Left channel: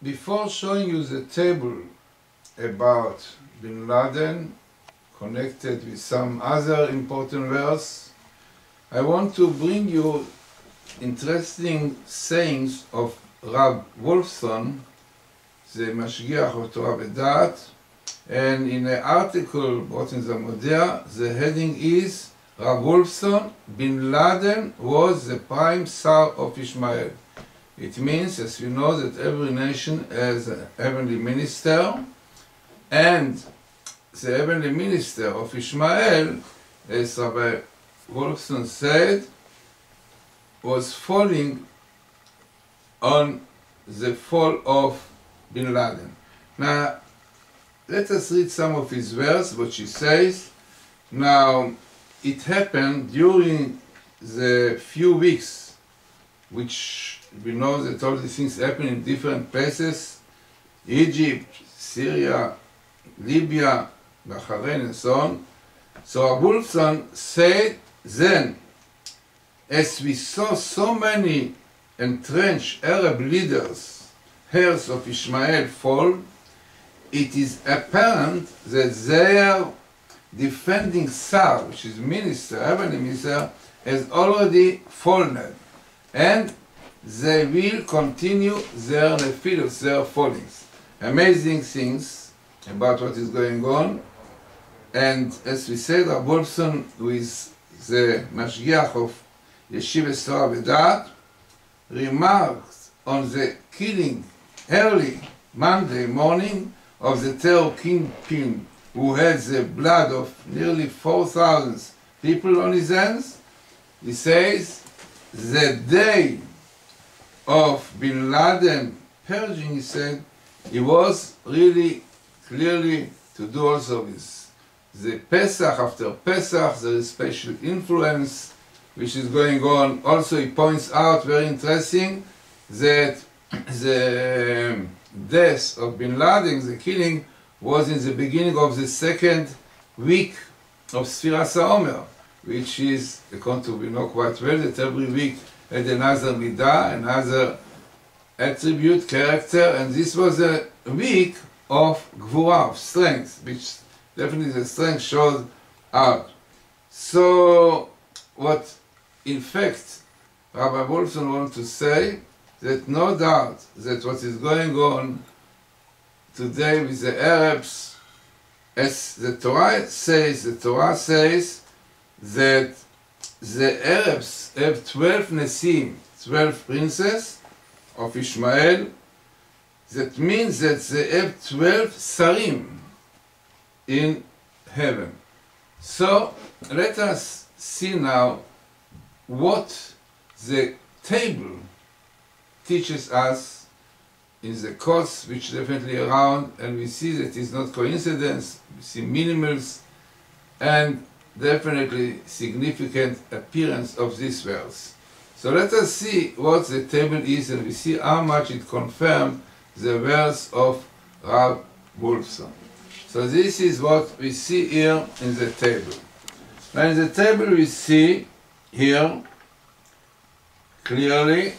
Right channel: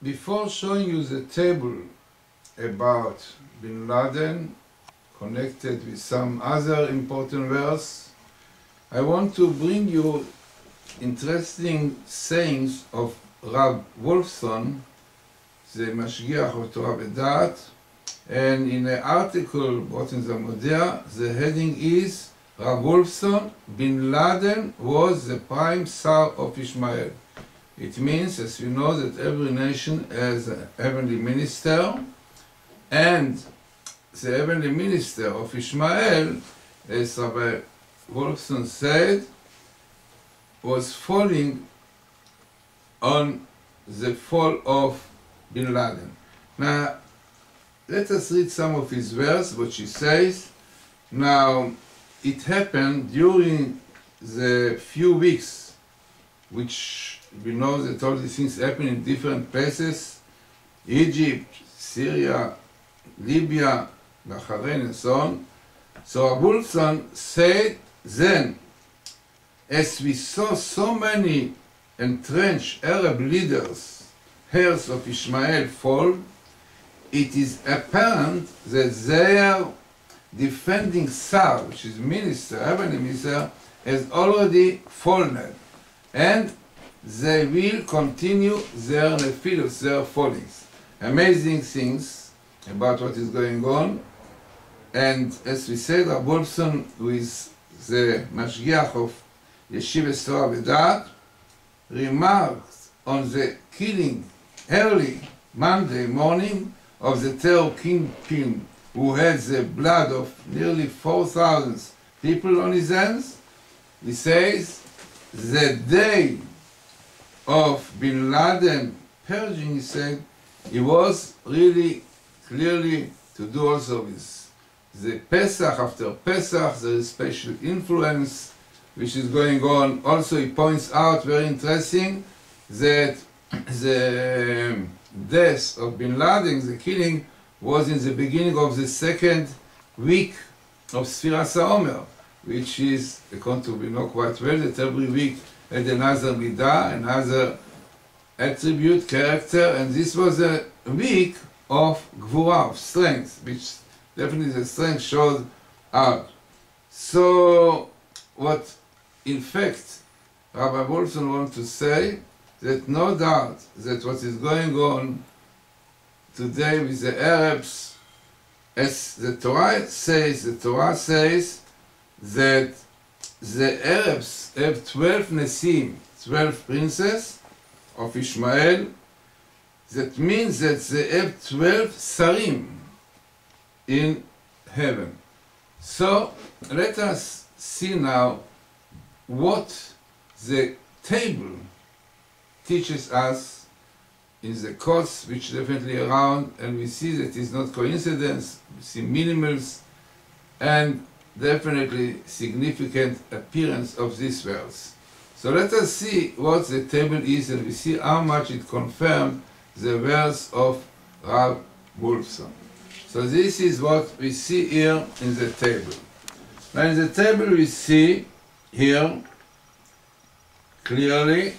Before showing you the table about Bin Laden connected with some other important verse, I want to bring you interesting sayings of Rab Wolfson, the Mashgiach of Torah V'Dat, and in an article brought in the Modea, the heading is Rab Wolfson, Bin Laden was the prime Tsar of Ishmael. It means, as we know, that every nation has a heavenly minister, and the heavenly minister of Ishmael, as Rabbi Wolfson said, was falling on the fall of Bin Laden. Now, let us read some of his verse, what he says. Now, it happened during the few weeks, which we know that all these things happen in different places, Egypt, Syria, Libya, Bahrain, and so on. So Wolfson said then, as we saw so many entrenched Arab leaders, heirs of Ishmael, fall, it is apparent that their defending Tsar, which is minister, heavenly minister, has already fallen, and they will continue their nefilus, their fallings. Amazing things about what is going on. And as we said, Rab Wolfson, who is the Mashgiach of Yeshiva Torah V'Dat, remarked on the killing early Monday morning of the terror kingpin who had the blood of nearly 4,000 people on his hands. He says, the day of Bin Laden purging, he said, he was really clearly to do also with the Pesach. After Pesach, there is special influence which is going on. Also, he points out, very interesting, that the death of Bin Laden, the killing, was in the beginning of the second week of Sfiras HaOmer, which is, according to we know quite well, that every week had another midah, another attribute, character, and this was a week of gvura, of strength, which definitely the strength showed out. So, what in fact Rabbi Wolfson wants to say, that no doubt that what is going on today with the Arabs, as the Torah says that the Arabs have 12 Nesim, 12 princes of Ishmael. That means that they have 12 Sarim in heaven. So let us see now what the table teaches us in the course, which definitely around, and we see that it's not coincidence, we see minimals and definitely significant appearance of this verse. So let us see what the table is, and we see how much it confirmed the verse of Rab Wolfson. So this is what we see here in the table. Now in the table we see here clearly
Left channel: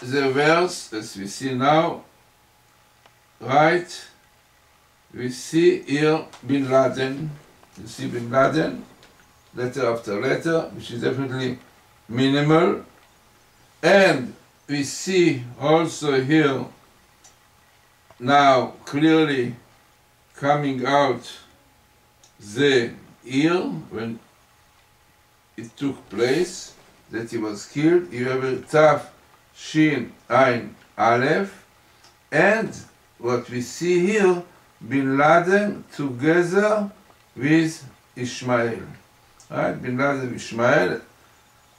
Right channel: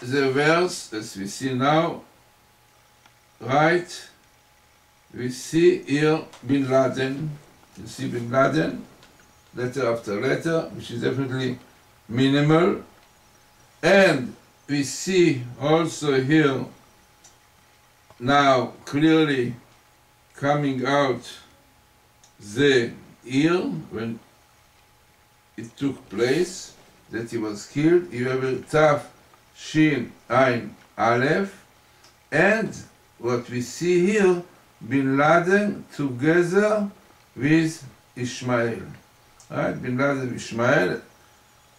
the verse, as we see now, right? We see here Bin Laden. You see Bin Laden, letter after letter, which is definitely minimal. And we see also here now clearly coming out the year when it took place, that he was killed. You have a tough Shin Ain Aleph, and what we see here, Bin Laden together with Ishmael. Right? Bin Laden Ishmael,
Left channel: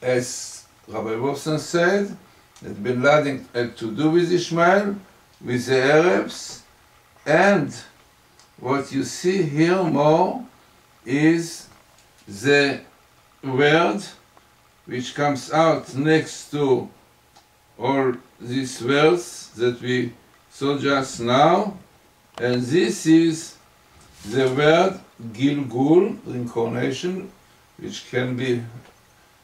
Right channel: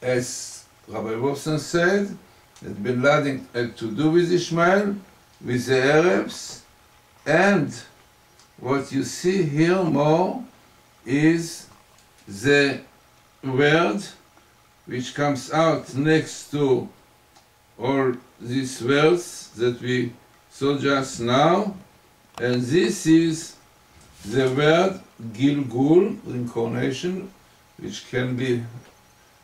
as Rabbi Wolfson said, that Bin Laden had to do with Ishmael, with the Arabs, and what you see here more is the word which comes out next to all these words that we saw just now, and this is the word Gilgul, reincarnation, which can be,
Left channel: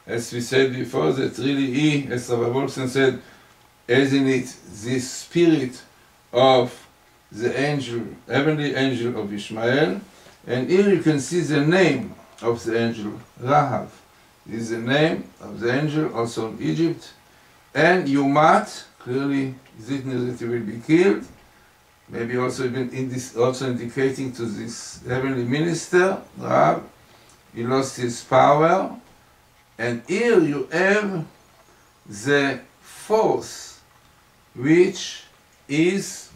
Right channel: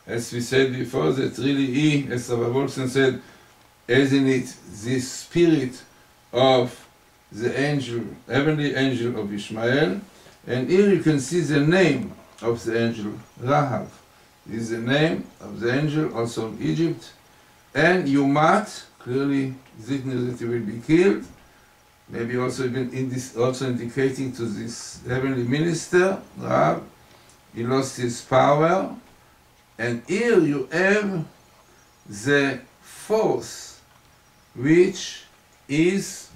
as we said before, that really he, as Rabbi Wolfson said, has in it this spirit of the angel, heavenly angel of Ishmael. And here you can see the name of the angel, Rahab. This is the name of the angel, also in Egypt. And Yumat, clearly is written that he will be killed. Maybe also also indicating to this heavenly minister, Rahab, he lost his power. And here you have the force, which is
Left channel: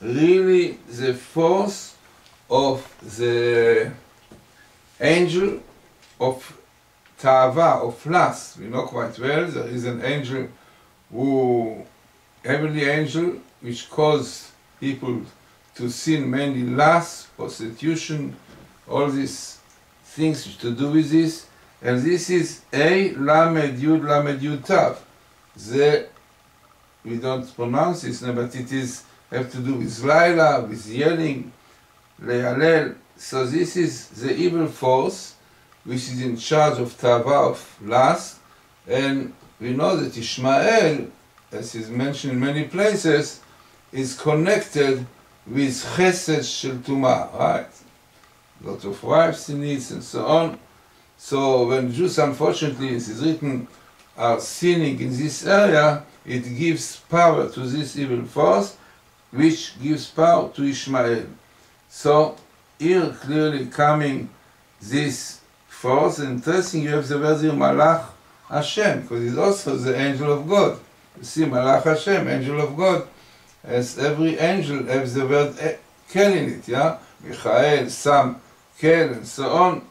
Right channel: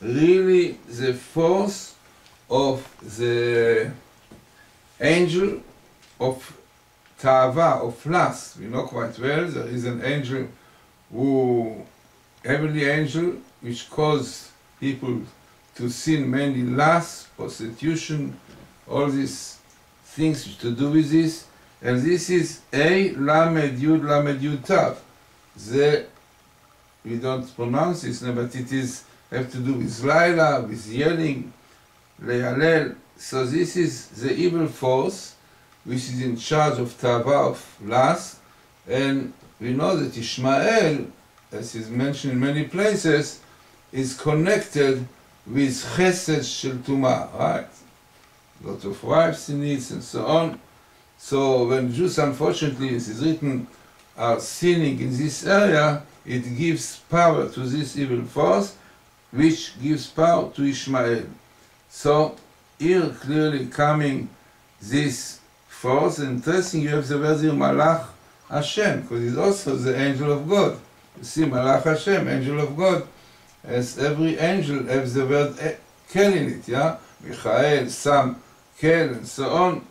really the force of the angel of Ta'ava, of lust. We know quite well there is an angel heavenly angel, which caused people to sin, mainly lust, prostitution, all these things to do with this. And this is A Lamed Yud Tav. We don't pronounce this name, but it is have to do with Laila, with yelling, Le'alel. So this is the evil force which is in charge of Tava, of lust. And we know that Ishmael, as is mentioned in many places, is connected with Chesed Shel Tumah, right? A lot of wives he needs and so on. So when Jews, unfortunately, as is written, are sinning in this area, it gives power to this evil force, which gives power to Ishmael. So here clearly coming this force. Interesting, you have the word here, Malach Hashem, because he's also the angel of God. You see, Malach Hashem, angel of God, as every angel has the word Kel in it, yeah? Michael, Sam, Kel, and so on.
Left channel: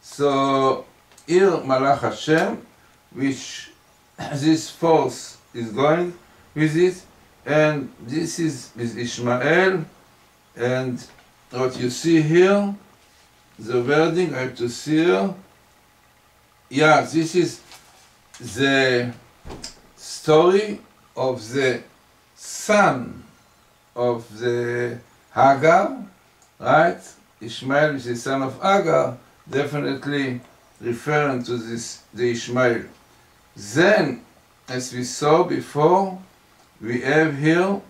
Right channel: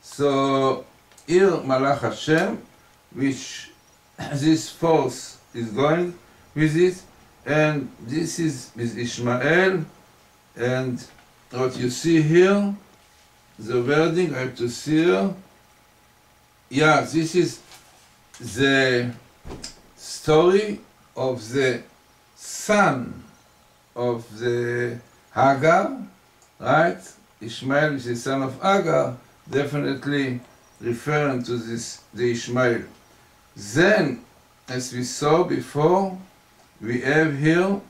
So here, Malach Hashem, which this force is going with it, and this is with Ishmael, and what you see here, the wording I have to see here, yeah, this is the story of the son of the Hagar, right? Ishmael is the son of Hagar, definitely referring to this, the Ishmael. Then, as we saw before, we have here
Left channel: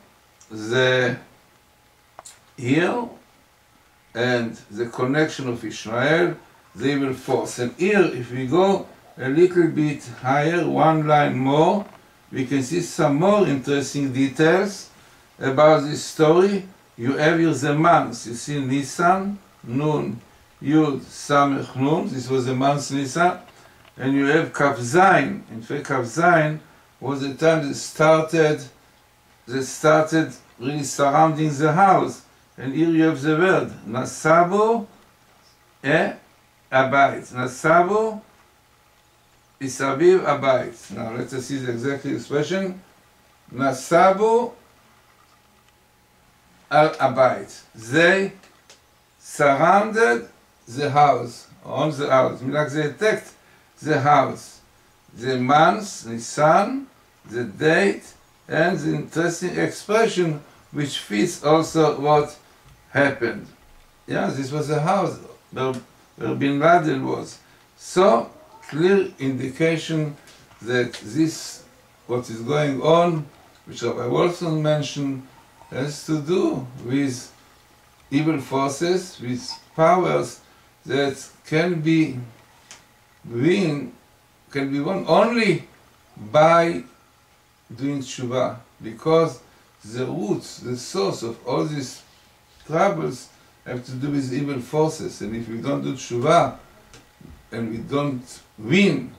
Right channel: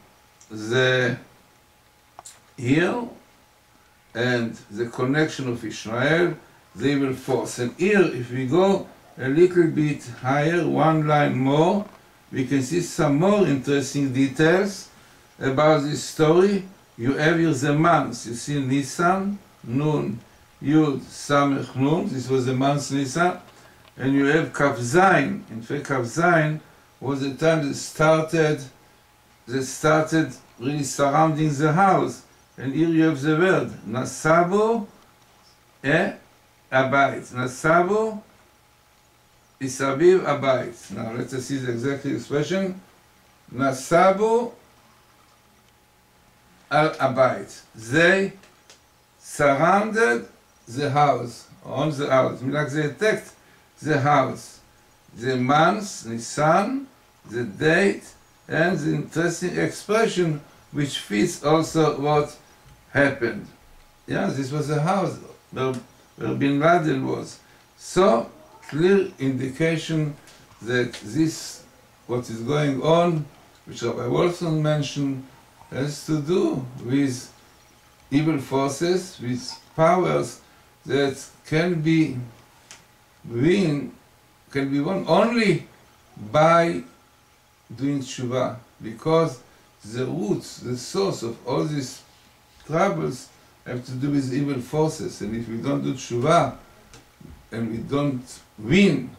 and the connection of Ishmael, the evil force. And here, if we go a little bit higher, one line more, we can see some more interesting details about this story. You have here the months. You see Nisan, Nun, Yud, Samech, Nun. This was the month Nisan. And you have Kaf Zayin. In fact, Kaf Zayin was the time that started really surrounding the house. And here you have the word, Nasabu Abayit. Nasabu Isabiv Abayit. Now let us see the exact expression. Nasabu Al Abayit. They surrounded the house, on the house. Like they attacked the house. The month, Nisan, the date, and the interesting expression which fits also what happened. Yeah, this was the house where Bin Laden was. So, clear indication that this, what is going on, which Rabbi Wolfson mentioned, has to do with evil forces, with powers that can be won only by doing tshuva, because the roots, the source of all these troubles have to do with evil forces. And if we don't do tshuva and we don't win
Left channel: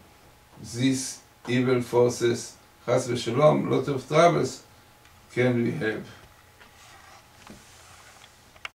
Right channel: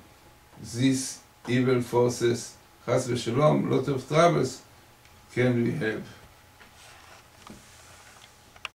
these evil forces, chas v'shalom, lot of troubles can we have.